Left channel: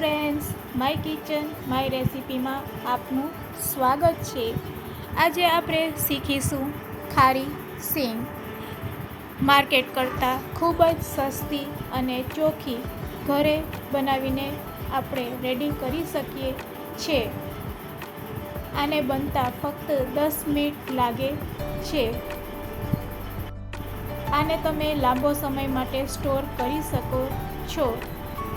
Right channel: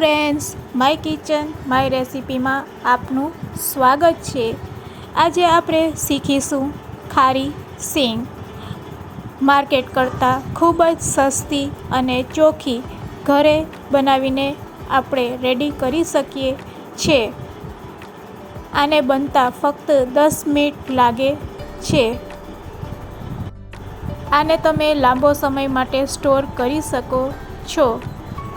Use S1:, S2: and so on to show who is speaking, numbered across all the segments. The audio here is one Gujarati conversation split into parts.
S1: માય કિચન માય રેસિપીમાં આપનું સ્વાગત છે. આજે આપણે શીખીશું ખારી સિંગ. માર્કેટ કરતાં ખૂબ જ સસ્તી અને ચોખ્ખી ઘરે બનાવીને આપણે રેડી કરી શકીએ છીએ આને બનતા ફક્ત દસ મિનિટ લાગે છે. આને તમે લાંબો સમય માટે સ્ટોર કરી શકો છો.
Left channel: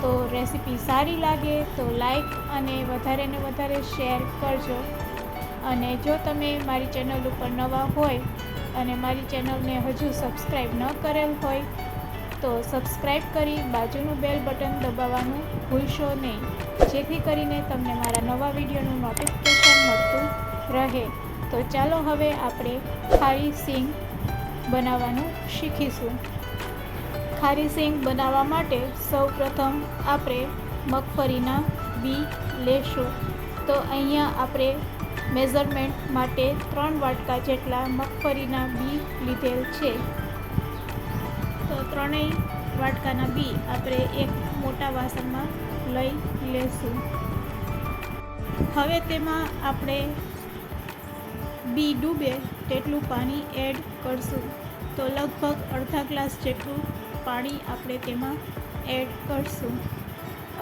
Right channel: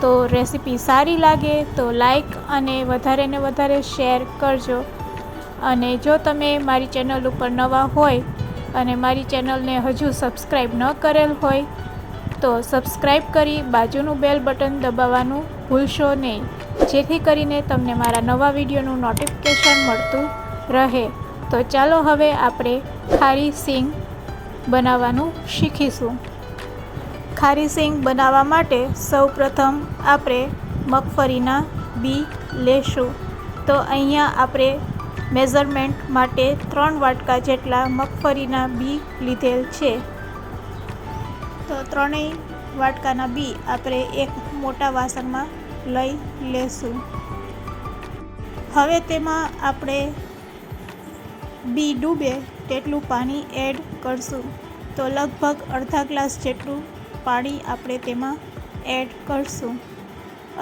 S1: તો રેસીપી સારી લાગે તો લાઈક અને વધારે ને વધારે શેર કરજો. અને જો તમે મારી ચેનલ ઉપર નવા હોય અને મારી ચેનલને હજુ સબસ્ક્રાઈબ ન કરેલ હોય, તો સબસ્ક્રાઈબ કરી બાજુનું બેલ બટન દબાવવાનું ભૂલશો નહીં. જેથી કરીને તમને મારા નવા વિડીયોનું નોટિફિકેશન મળતું રહે. તો ચાલો હવે આપણે ખારી સિંગ બનાવવાનું શીખીશું. ખારી સિંગ બનાવવા માટે સૌપ્રથમ આપણે મગફળીના બી લેશું. તો અહીંયા આપણે મેઝરમેન્ટ માટે ત્રણ વાટકા જેટલા મગફળીના બી લીધેલ છે. તો ત્રણેય વાટકાના બી આપણે એક મોટા વાસણમાં લઈ લેશું. હવે તેમાં આપણે બી ડૂબે તેટલું પાણી એડ કરશું. તો લગભગ અડધા ગ્લાસ જેટલું પાણી આપણે તેમાં એડ કરશું.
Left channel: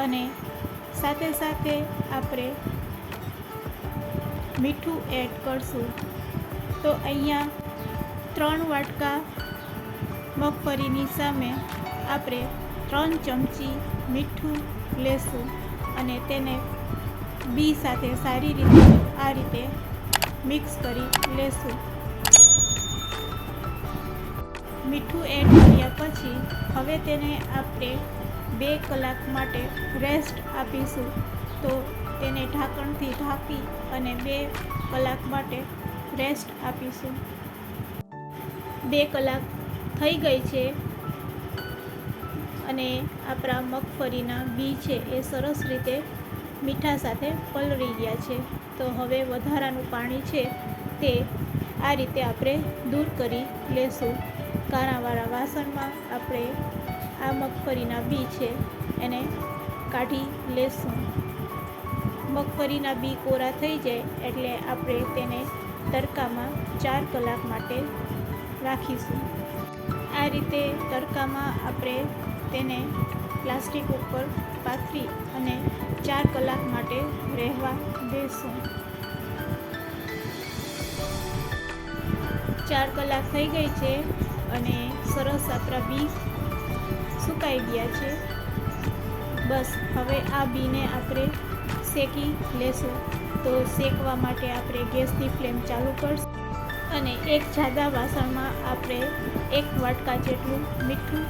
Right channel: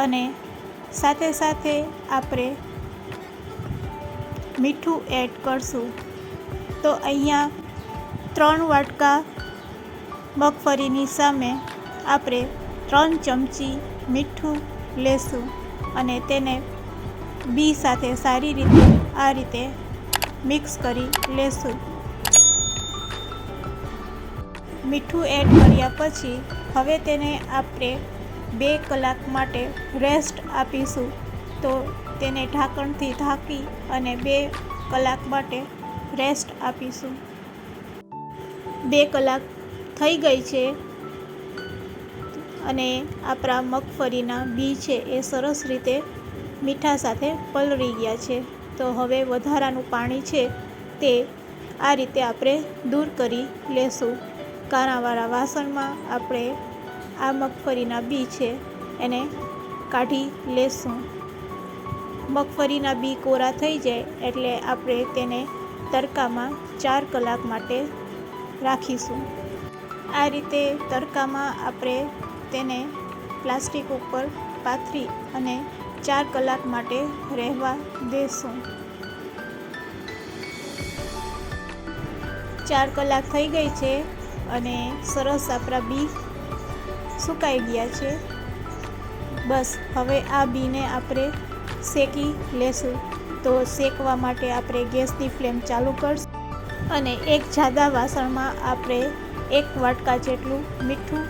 S1: અને સાથે સાથે આપણે મીઠું એડ કરશું. તો અહીંયા ત્રણ વાટકા મગફળીની સામે આપણે ત્રણ ચમચી મીઠું લેશું અને તેને બી સાથે સારી રીતે આ રીતે મિક્સ કરી લેશું. મીઠું એડ કર્યા પછી હવે તેને આપણે બે કલાક માટે રેસ્ટ આપીશું. તો તેને ઢાંકણથી ઢાંકી અને બે કલાક માટે રેસ્ટ આપીશું. બે કલાક થઈ ગઈ છે અને આપણા મગફળીના બી છે એ સરસ રીતે મીઠા સાથે પલળી ગયા છે. તો હવે વધારાનું પાણી છે તે આ રીતે આપણે દૂર કરી લેશું. કાણાવાળા વાસણમાં આપણે આ મગફળીના બી છે, એને કાઢી લેશું. મગફળીના બી કોરા થઈ જાય એટલે આપણે તેને તડકામાં ચાર કલાક માટે રાખીશું. આ રીતે તડકામાં આપણે તેને પ્લાસ્ટિક ઉપર પાથરી અને ચાર કલાક માટે રહેવા દેશું. ચાર કલાક થઈ ગઈ છે અને સરસ આપણા બી સુકાઈ ગયા છે. બસ, હવે આ બીને આપણે શેકી લેશું. તો શેકવા માટે આપણે ગેસની ફ્લેમ ચાલુ કરશું અને એક જાદા વાસણમાં આપણે એક વાટકા જેટલું મીઠું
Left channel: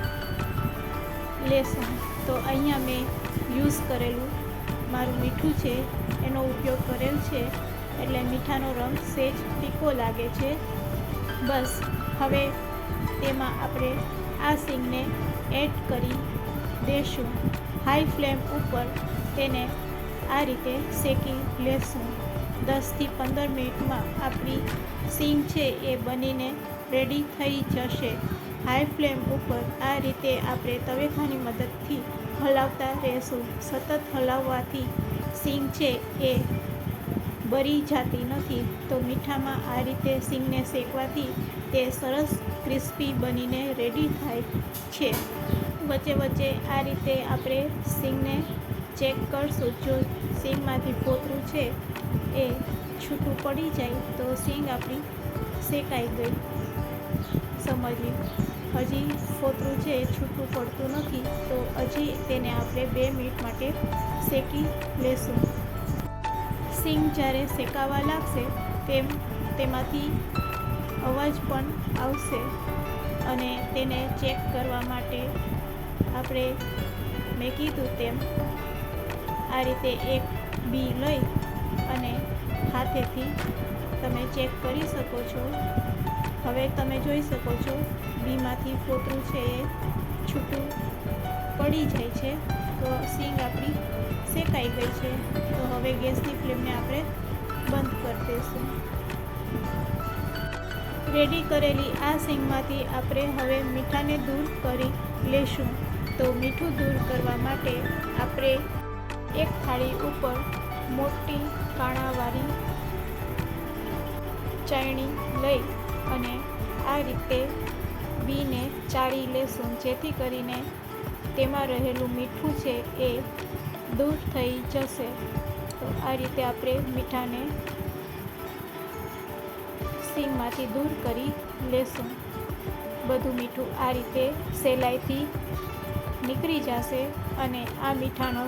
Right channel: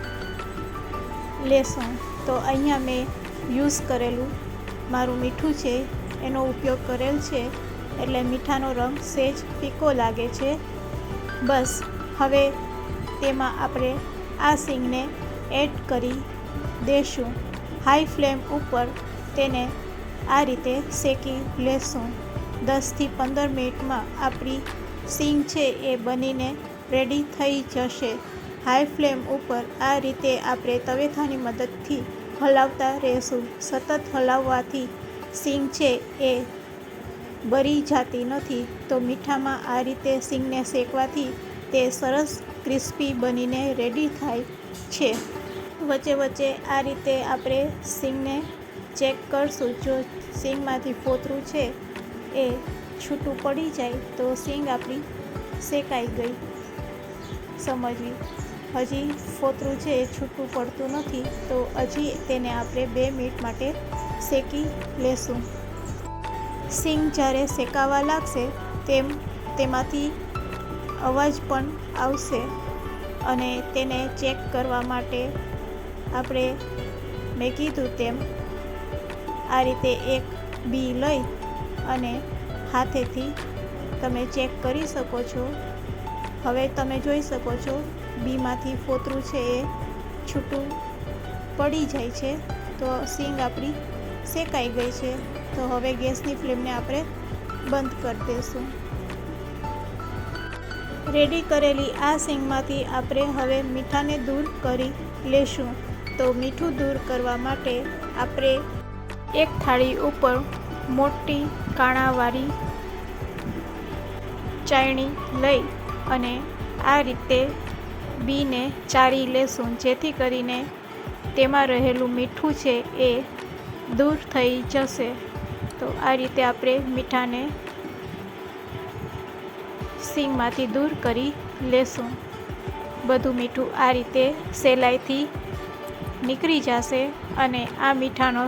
S1: લેશું. તો અહીંયા મેં યુઝ કરેલું મારું મીઠું છે, એનો ઉપયોગ કરેલ છે, એટલે મીઠાનો રંગ સેજ ફીકો લાગે છે. બસ, હવે તેમાં આપણે આ સિંગને એડ કરી દેશું. હાઈ ફ્લેમ ઉપર તેને આ રીતે શેકી લેશું. દસથી પંદર મિનિટમાં આપણી સિંગ છે એ બનીને રેડી થઈ જશે. હાઈ ફ્લેમ ઉપર આ રીતે આપણે તવેથાની મદદથી હલાવતા રહેશું. સતત હલાવવાથી સિંગ છે એ બરી જાતી નથી. તો મીઠામાં આ રીતે સિંગને શેકવાથી તે સરસ ક્રિસ્પી બનીને રેડી થાય છે. વચ્ચે વચ્ચે આ રીતે આપણે સિંગને ચેક કરશું. જો સિંગમાંથી ફોતરું છે એ છૂટું પડી જાય તો સિંગ આપણી શેકાઈ ગઈ. સમજવી હજી ફોતરું છે એ છૂટું પડતું નથી તો હજી તેને આપણે બે મિનિટ માટે શેકી લેશું. સિંગ જ્યારે શેકાવા લાગશે તેમ તેમાંથી અવાજ પણ આવશે અને તેને ચેક કરવા માટે આપણે મેં કીધું તેમ આ રીતે એક બી લઈ અને હાથેથી તમે ચેક કરી શકો છો. હવે તમે જોઈ શકો છો, બીમાંથી ફોતરું છે એ છૂટું પડી જાય છે. તો સિંગ આપણી શેકાઈ ગઈ છે. તો હવે ગેસની ફ્લેમને આપણે બંધ કરી દઈશું. રેડી કરેલી આ સિંગમાંથી આપણે હવે મીઠાને દૂર કરી લેશું. તો મીઠું દૂર કરવા માટે આપણે એક થાળી ઉપર મોટી કાણાવાળી ચાયણી લઈ અને આ રીતે બીને ચાળી લેશું. જેથી કરીને તેમાં રહેલું મીઠું છે એ દૂર થઈ જશે. તો આ રીતે આપણે મીઠાને સિંગમાંથી દૂર કરી લેશું. બધું મીઠું આ રીતે સહેલાઈથી નીકળી જશે અને આ મીઠાનો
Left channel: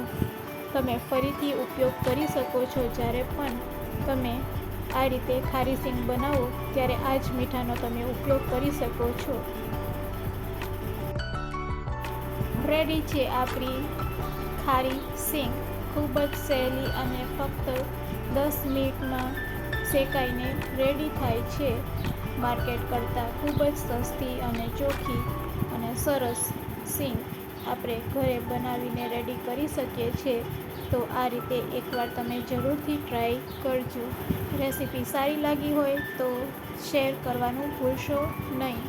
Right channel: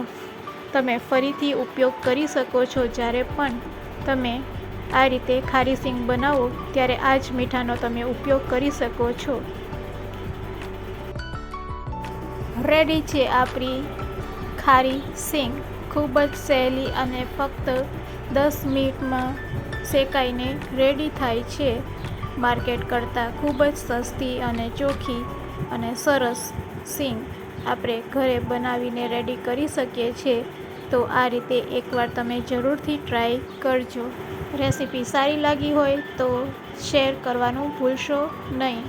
S1: તમે ફરીથી ઉપયોગ કરી શકો છો. જ્યારે પણ તમે આ રીતે ખારી સિંગ બનાવો, ત્યારે આ જ મીઠાનો તમે ઉપયોગ કરી શકો છો. રેડી છે આપણી ખારી સિંગ. ખૂબ જ સહેલી અને ફક્ત દસ મિનિટમાં શેકાઈને રેડી થાય છે માર્કેટ કરતાં ખૂબ જ સસ્તી અને ચોખ્ખી અને સરસ સિંગ આપણે ઘરે બનાવીને રેડી કરી શકીએ છીએ. તો આ રીતે એકવાર તમે જરૂરથી ટ્રાય કરજો. રેસીપી સારી લાગી હોય તો શેર કરવાનું ભૂલશો નહીં.